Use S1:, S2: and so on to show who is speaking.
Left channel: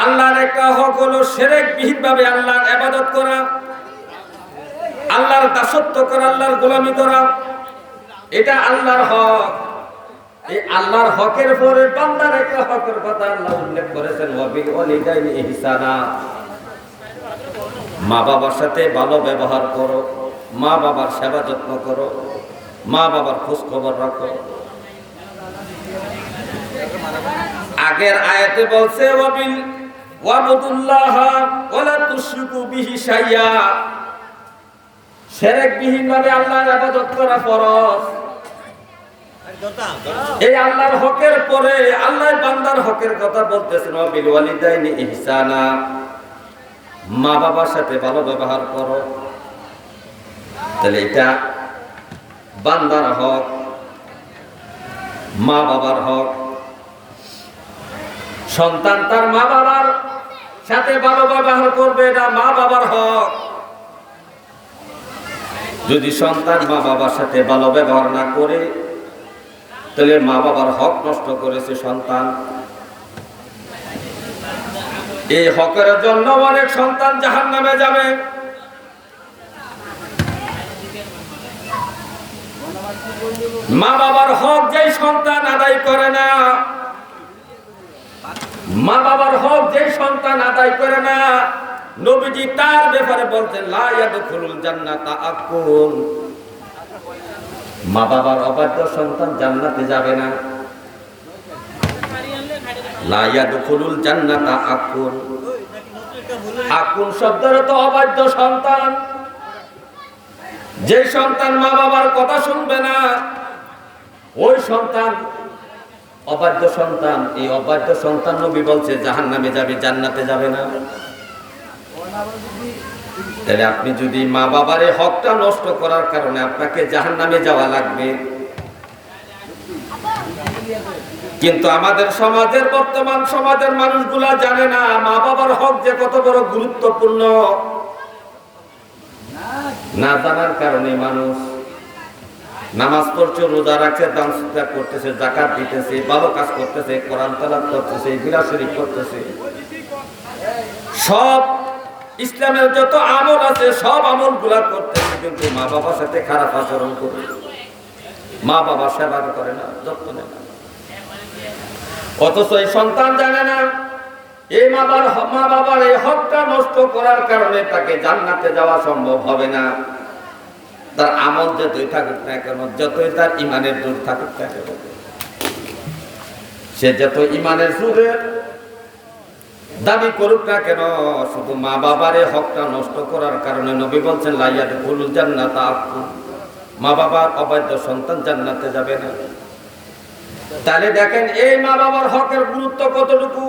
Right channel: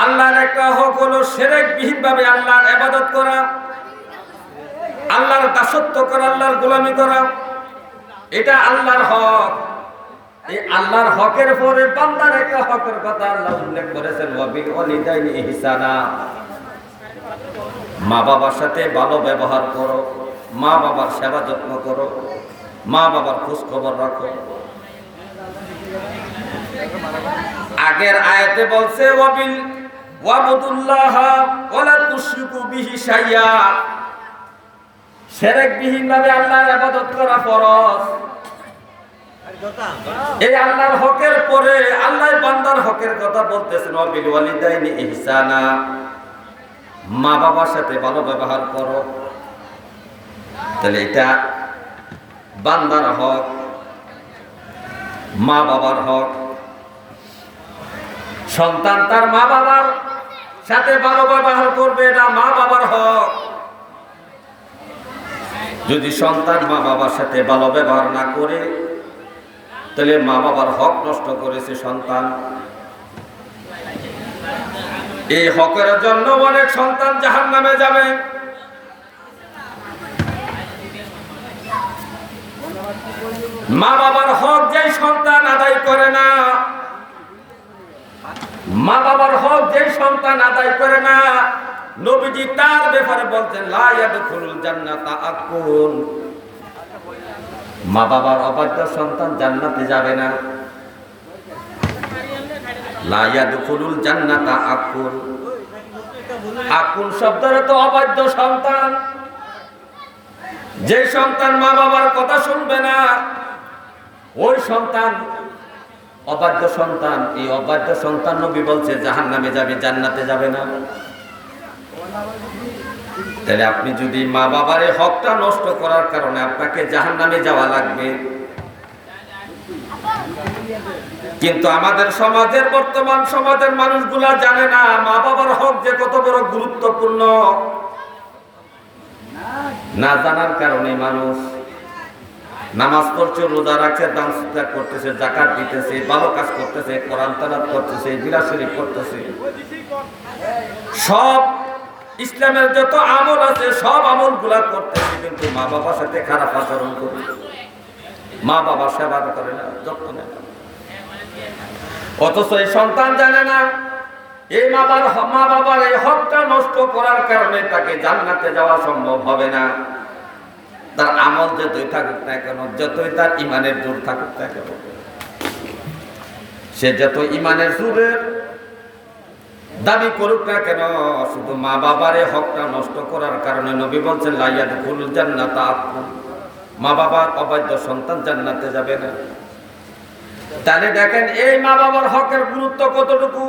S1: আল্লাহর একটা হক হলো সেরেক বিহীন ভাবে আল্লাহর আবাদত করা, আল্লাহর দাসত্ব করা, আল্লাহর গোলামি করা। এটা আল্লাহর হক। এই আল্লাহর হকের পরে বান্দার একটা হকের কথা আল্লাহ উল্লেখ করেছেন, ওয়াবিল ওয়ালিদাইনি ইহসানা। মা বাবার সাথে ভালো ব্যবহার করো, মা বাবার সেবা যত্ন করো, মা বাবার খোঁজ খবর রাখো। আগের আয়াতে বলছে, ওয়াবিল ওয়াবুদুল্লাহ ওয়ালা তুশরিকু বিহি শাইয়া। শিরক বিহীন ভাবে আল্লাহর ইবাদত করা ফরজ। এই আল্লাহর হকের পরে আল্লাহ বান্দার হকের কথা বলতেছেন, ওয়াবিল ওয়ালিদাইনি ইহসানা। মা বাবার সাথে ভালো ব্যবহার করো। তাহলে এটা বান্দার হক মা বাবার হক। সন্তান তার মা বাবার সাথে ভালো ব্যবহার করবে না মা বাবার হক। যদি সন্তান মা বাবার সাথে ভালো ব্যবহার না করে, তাহলে মা বাবার হক নষ্ট করেছে সন্তান। এই হকের জন্য অনেক সন্তান জাহান নামে যাবে। মা বাবার হক যেই সন্তান আদায় করে না মা বাবার হক যেই সন্তান আদায় করে না, নবীজি তার ব্যাপারে বলছেন জান্নাতা আকুল মা বাবার অবাধ্য সন্তান জান্নাতে যাবে না। লাইয়াদুল জান্নাতা আকুল আকুল শব্দের তো অবাধ্য সন্তান। যে সন্তান মা বাবার কথা শুনবে না, ওই সন্তান অবাধ্য সন্তান, এই অবাধ্য সন্তান নবী বলছে জাহান নামে যাবে, জান্নাতে যাবে না। তাহলে আপনি যদি মা বাবার হকটা নষ্ট করার কারণে আপনাকে জাহান নামে যাওয়া লাগবে। কিন্তু আমাদের সমাজের, বর্তমান সমাজের মানুষগুলা জানে না, মা বাবার হক যে কত বড় গুরুত্বপূর্ণ। না জানার কারণে মানুষ নামাজ পড়ছে, রোজা রাখছে, দান সুদা করতেছে জাকাত দিতেছে, ভালো কাজ করতেছে, কোরআন তালাত করতেছে বিরাজ শরীফ করতেছে সব ইসলামের যত আমল আছে, সব আমলগুলা করতেছে, কিন্তু মা বাবার সাথে খারাপ আচরণ করে। মা বাবা সেবা করে না, যত্ন নেয় না। অথচ এই সন্তান জানে না, এই মা বাবার মা বাবার এই হকটা নষ্ট করার কারণে তাকে জান্নাতে যাওয়া সম্ভব হবে না। আমল যতই থাকুক না কেন, যতই তার ইমানের জোর থাকুক না কেন, সে যত ইমানের জোরের দাবি করুক না কেন, শুধু মা বাবার হকটা নষ্ট করার কারণে নবী বলছেন লাইয়া ফুলুল জান্নাত আপন মা বাবার অবাধ্য সন্তান জান্নাতে যাবে না। তাহলে দেখেন, এই মা বাবার হকের গুরুত্ব কতটুকু?